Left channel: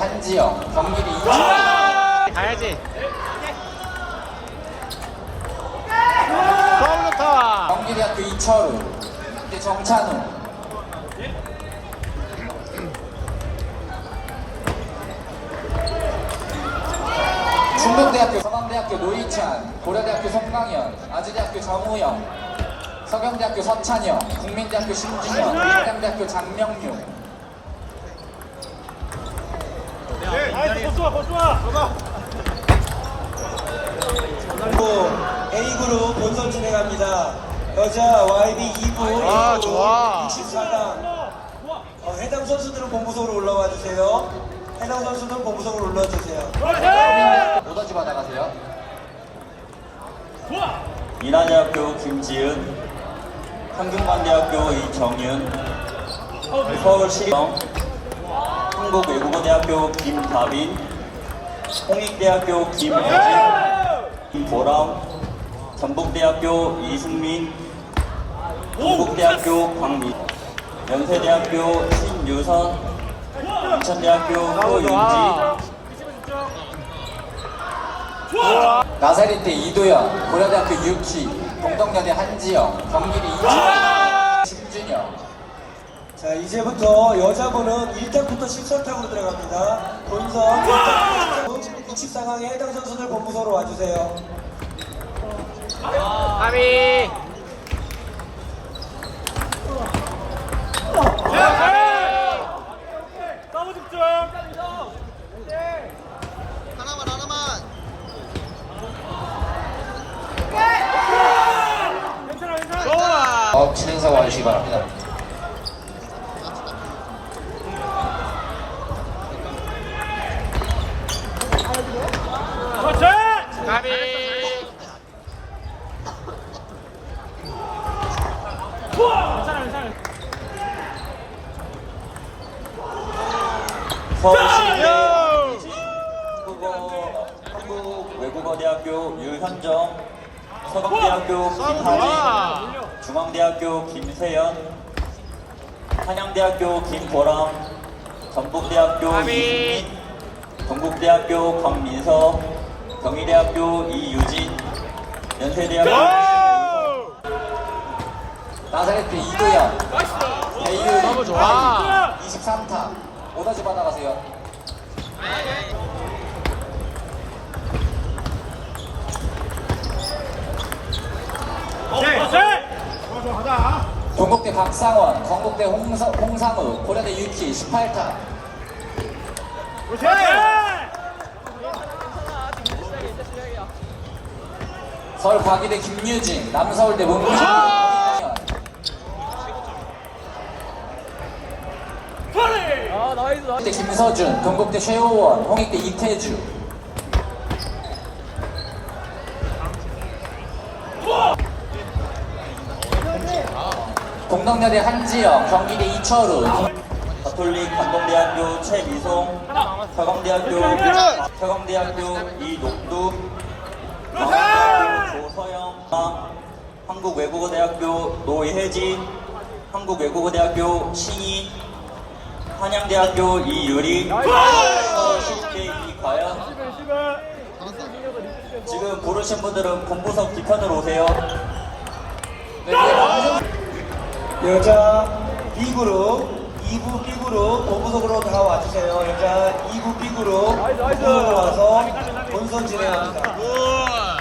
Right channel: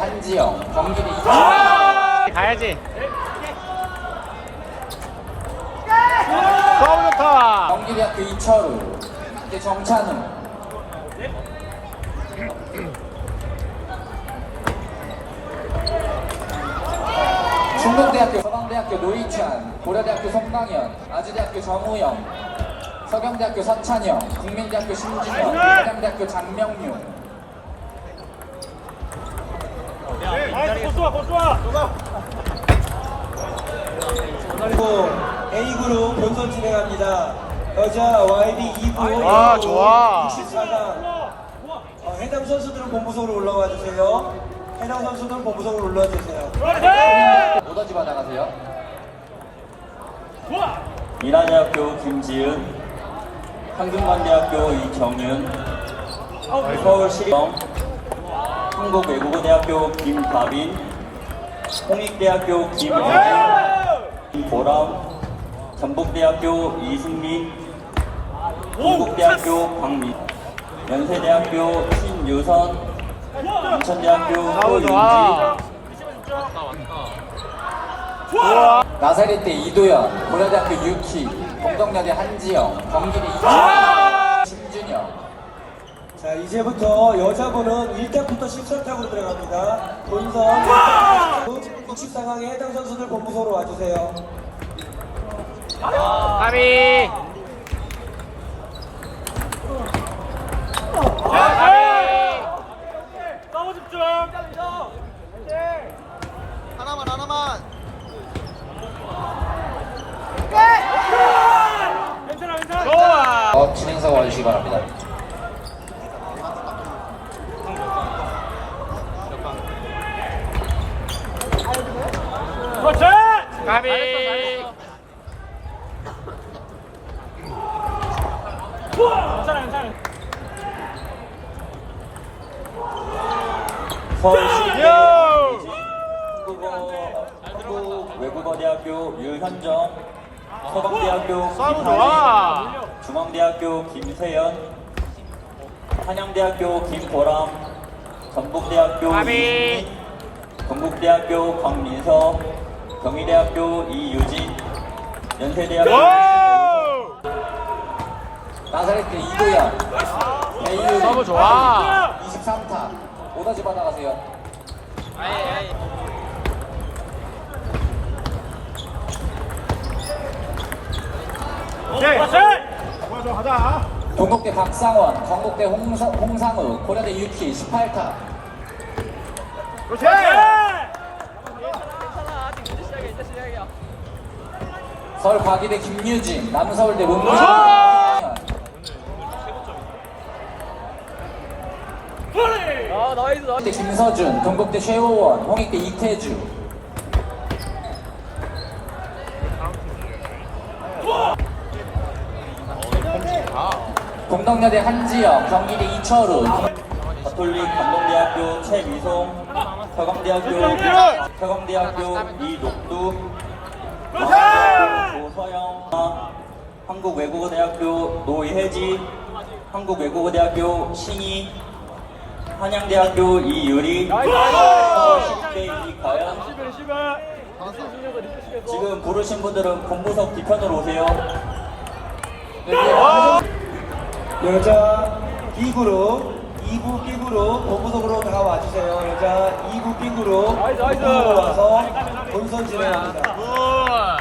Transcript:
한지영, 경기대 이철우, 가야지. 서울타와. 경기대학교 이철우, 대 정찬우, 충북대학교 서강대학교 노희찬, 고려대학교 송강현, 아주대학교 정우영, 서경대학교 서찬영, 국민대학교 심진영, 한강대학교 장명유, 그리고 A그룹 본선 진행합니다. 여자 YB 2부 아, 좋아. 24강 어, 해당 선수들은 본부석으로 올라와 주세요. 해당 선수들은 본부석으로 올라와 주세요. 오더지 받아가세요. 이난대학교 김지은, 한국만대학교 이정윤, 서울시청, 한국외국어대학교 김다빈, 홍익대학교 김혜진, 김보람, 전북대학교 이승민, 한국대학교 강민, 연세대학교 신유선, 인천대학교 소윤지, 나사렛대 이도현, 고려대학교 유키, 동덕여대 한지영, 이철우, 심준영, 자 이제부터 여자분은 1단부터 14강으로 들어갑니다. 본선 1단부터 24강에 해당 선수들 본부석으로 와주세요. 가비. 너무 집중. 하나만 하나만 괜찮아 괜찮아. 좋아. 어, 진행사가 오시기 바랍니다. 그렇지. 가비. 잘했어 잘했어. 우와. 괜찮아 괜찮아. 서울시 한국어 한국 외국어대학교 유현정, 서강대학교 김다빈, 중앙대학교 김세연, 한양대학교 김보람, 전북대학교. 이승민, 동국대학교 강민서, 경희대학교 이유진, 연세대학교 나사렛대 이도현, 배유리, 좋아. 23타, 오더지 받아가세요. 오케이. 좋아 좋아 가자. 경북대 홍사, 홍상우, 고려대 유키, 18타, 그렇지. 서울 과기대 김유진, 남서울대 문무진, 홍익대 김서준, 동국대 최호원, 홍익대 이태주, 동덕여대 한지영, 경기대 이철우, 가톨릭 감동대학교 최미송, 서강대학교 서강대학교 서강대학교 조서영, 한국외국어대학교 노혜지, 한국외국어대학교 신희, 한양대학교 이유리. 지금 부르신 분들은 본부석 뒤편으로 오세요. 여자 B그룹 2부 B그룹 본부석으로 다 와주세요. 여자 2부 B그룹 본부석으로 와서 본선 진행합니다.